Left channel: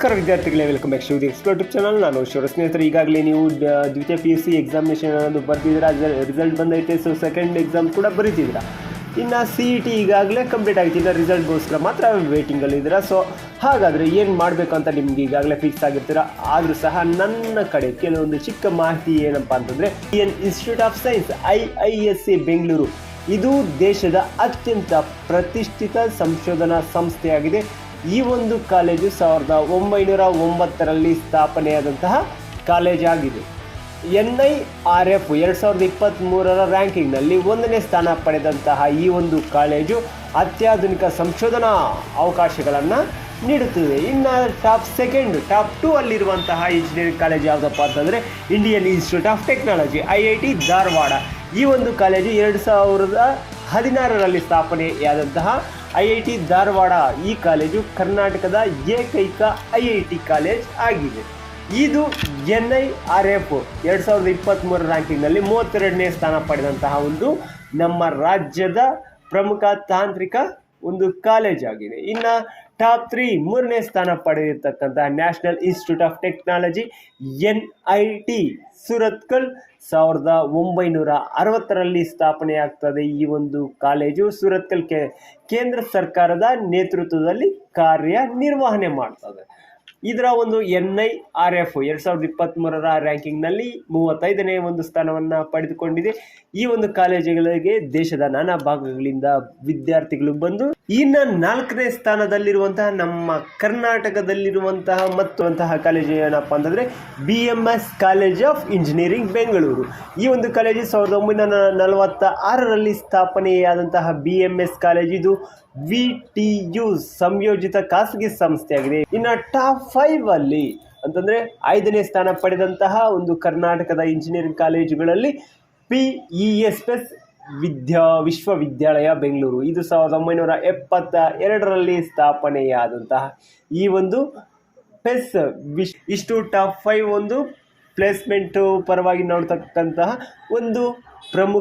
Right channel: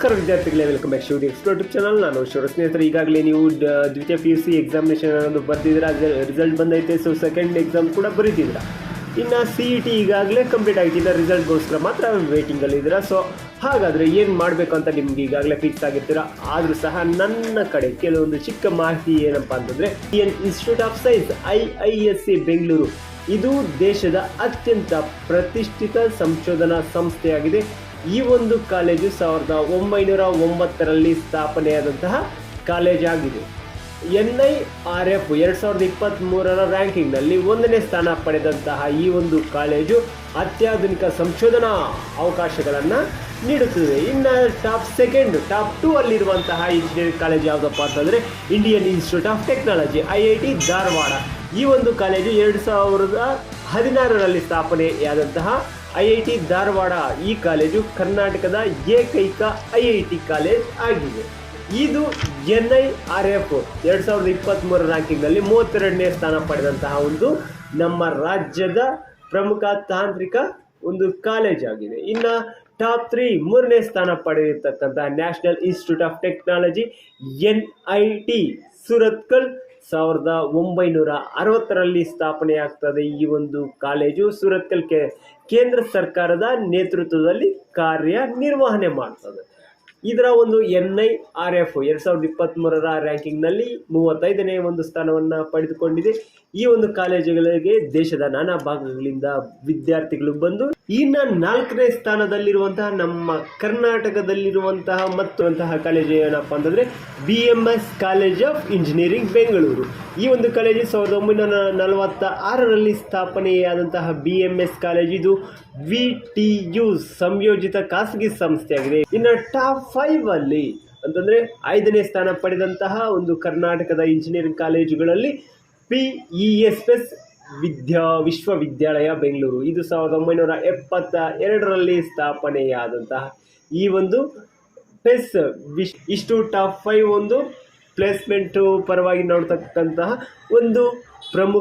ನಮಸ್ಕಾರ ವಿದ್ಯಾರ್ಥಿಗಳೇ welcome back ಶಿವದಿ ಎಕ್ಸ್ಪರ್ಟ್ ಚಾನಲ್ ನಾನು ಶಿವ ಸ್ನೇಹಿತರೆ. ಈಗಾಗಲೇ ನೀವು ದ್ವಿತೀಯ ಪಿ ಯು ಸಿ ಎಕ್ಸಾಮಿನೇಷನ್ ಅನ್ನೋದು ಬರ್ದಿದ್ದೀರಾ ರಿಸಲ್ಟ್ ಬಂದೈತೆ ಸೊ ಸೆಕೆಂಡ್ ಎಕ್ಸಾಮ್ ಕೂಡ ಬರೀತಿದ್ದೀರಾ. ಇನ್ನು ಸಿ ಇ ಟಿ ಈಗಾಗಲೇ ಕಂಪ್ಲೀಟ್ ಆಗಿದೆ ರಿಸಲ್ಟ್ ರಿಸಲ್ಟ್ಗೋಸ್ಕರ ಮಾತ್ರ ವೇಟಿಂಗಲ್ಲಿದ್ದೀರಾ ಸೊ ಹಾಗಾದರೆ ಏನು ಮಾಡಬೇಕು ಅಂತ ನಿಮ್ಗೆ ಈಗಾಗಲೇ ಫಿಕ್ಸ್ ಆಗಿರ್ತೀರಾ? ಆದರೂ ಸಹ ನನ್ನ ಕಡೆ ಕೆಲವೊಂದು ಚಿಕ್ಕ ಮಾಹಿತಿ ಏನಪ್ಪ ಅಂತಂದರೆ Indian Institute of Science I I S C Bengaluru ಇದು ದೇಶದ ಅತ್ಯಂತ ಪ್ರತಿಷ್ಠಿತ ಸಂಶೋಧನಾ ಸಂಸ್ಥೆಯಾಗಿದೆ. ಈ ಒಂದು ಕಾಲೇಜು ಸಾವಿರದ ಒಂಬೈನೂರ ಒಂಬತ್ತರಲ್ಲಿ ಸ್ಥಾಪನೆಯಾದಂತಹ ಕಾಲೇಜ್ ಆಗಿದೆ. ಎನ್ ಐ ಆರ್ ಎಫ್ ಎರಡು ಸಾವಿರದ ಇಪ್ಪತ್ತ್ಮೂರರ ರ್ಯಾಂಕಿಂಗ್ನಲ್ಲಿ ಒಂದನೇ ಸ್ಥಾನ ಪಡೆದಂತಹ ಈ ಒಂದು ಕಾಲೇಜು ಅತ್ಯಾಧುನಿಕ ಸಂಶೋಧನಾ ಅವಕಾಶಗಳನ್ನು ನೀಡುತ್ತದೆ. ಇನ್ನು ಟಾಪ್ ಸೆಕೆಂಡ್, ಟಾಪ್ ಟೂ ಅಲ್ಲಿರುವಂತಹ ಇಂಜಿನಿಯರಿಂಗ್ ಕಾಲೇಜ್ ಯಾವುದಪ್ಪ ಅಂತಂದರೆ Indian Institute of Technology, I I T Dharwad. ಈ ಒಂದು ಕಾಲೇಜು ಎರಡು ಸಾವಿರದ ಹದಿನಾರರಲ್ಲಿ ಸ್ಥಾಪನೆಯಾದಂತಹ ಐ ಐ ಟಿ ಧಾರವಾಡ ಈ ಕಾಲೇಜು ಕರ್ನಾಟಕದ ಏಕೈಕ ಐ ಐ ಟಿ ಕಾಲೇಜ್ ಆಗಿದೆ. ಇದು ಎನ್ ಐ ಆರ್ ಎಫ್ ಎರಡು ಸಾವಿರದ ಇಪ್ಪತ್ತ್ಮೂರರ ರ್ಯಾಂಕಿಂಗ್ನಲ್ಲಿ ಮೂವತ್ತೆರಡನೇ ಸ್ಥಾನ ಪಡೆದಂತಹ ಒಂದು ನಮ್ಮ ರಾಜ್ಯದ ಪ್ರಮುಖ ತಾಂತ್ರಿಕ ಒಂದು ಕಾಲೇಜ್ ಆಗಿದೆ. ಇನ್ನು ಟಾಪ್ ತ್ರೀ ಮೂರನೇ ಸ್ಥಾನ ಪಡೆದಿರ್ತಕ್ಕಂತಹ National Institute of Technology N I T Surathkal ಸಾವಿರದ ಒಂಬೈನೂರ ಅರವತ್ತರಲ್ಲಿ ಸ್ಥಾಪನೆಯಾಗ್ತದೆ ಈ ಒಂದು ಕಾಲೇಜು. ಸೂರತ್ಕಲ್ ಕೆ ಕೇಂದ್ರ ಸರ್ಕಾರದ ನೇತೃತ್ವದಲ್ಲಿ ಕಾರ್ಯನಿರ್ವಹಣೆ ಮಾಡ್ತದೆ. ಇದರ ಒಂದು ಎನ್ ಐ ಆರ್ ಎಫ್ ಎರಡು ಸಾವಿರದ ಇಪ್ಪತ್ತ್ಮೂರರ ರ್ಯಾಂಕಿಂಗ್ನಲ್ಲಿ ಮೂವತ್ತೈದನೇ ಒಂದು ಸ್ಥಾನವನ್ನು ಪಡೆದುಕೊಂಡಿದೆ. ಈ ಒಂದು ಕಾಲೇಜುಗಳಿಗೆ ದೇಶದ ನಾನಾ ಭಾಗಗಳಿಂದ ವಿದ್ಯಾರ್ಥಿಗಳು ಬಂದು ಇನ್ನು ನಾಲ್ಕನೇ ಸ್ಥಾನದಲ್ಲಿರುವಂತಹ ನಮ್ಮ ಕರ್ನಾಟಕದಲ್ಲಿರುವಂತಹ ಮತ್ತೊಂತಹ ಕಾಲೇಜು ಏನಪ್ಪ ಅಂತಂದರೆ B M S college of engineering Bengaluru ಈ ಒಂದು ಕಾಲೇಜು ಸಾವಿರದ ಒಂಬೈನೂರ ನಲವತ್ತ ಆರರಲ್ಲಿ ಸ್ಥಾಪನೆಯಾದಂತಹ ಬಿ ಎಂ ಎಸ್ ಕಾಲೇಜ್ ಇದು ವಿ ಟಿ ಯು ಸಂಯೋಜಿತ ಖಾಸಗಿ ಸಂಸ್ಥೆಯಾಗಿದೆ. ಇನ್ನು ಟಾಪ್ ಫೈವ್ ಅಲ್ಲಿ ಅಂತಂದರೆ ಐದನೇ ಸ್ಥಾನ ಪಡೆದಂತಹ ಒಂದು ಕರ್ನಾಟಕದ ಇಂಜಿನಿಯರಿಂಗ್ ಕಾಲೇಜುಗಳಲ್ಲಿ ಪಿ ಇ ಎಸ್ ಎಸ್ ವಿದ್ಯಾ, ವಿಶ್ವವಿದ್ಯಾಲಯ ಬೆಂಗಳೂರು. ಇದು ಸಾವಿರದ ಒಂಬೈನೂರ ಎಪ್ಪತ್ತ ಎರಡರಲ್ಲಿ ಸ್ಥಾಪನೆಯಾದಂತಹ ಈ ಒಂದು ಪೆಸ್ ವಿಶ್ ಇಷ್ಟು ಟಾಪ್ ಫೈವ್ ಒಂದು ಪ್ಲೇಸ್ಮೆಂಟು ಪರವಾಗಿ ನೋಡ್ತಕ್ಕಂತಹ ಒಂದು ಪ್ರಮುಖ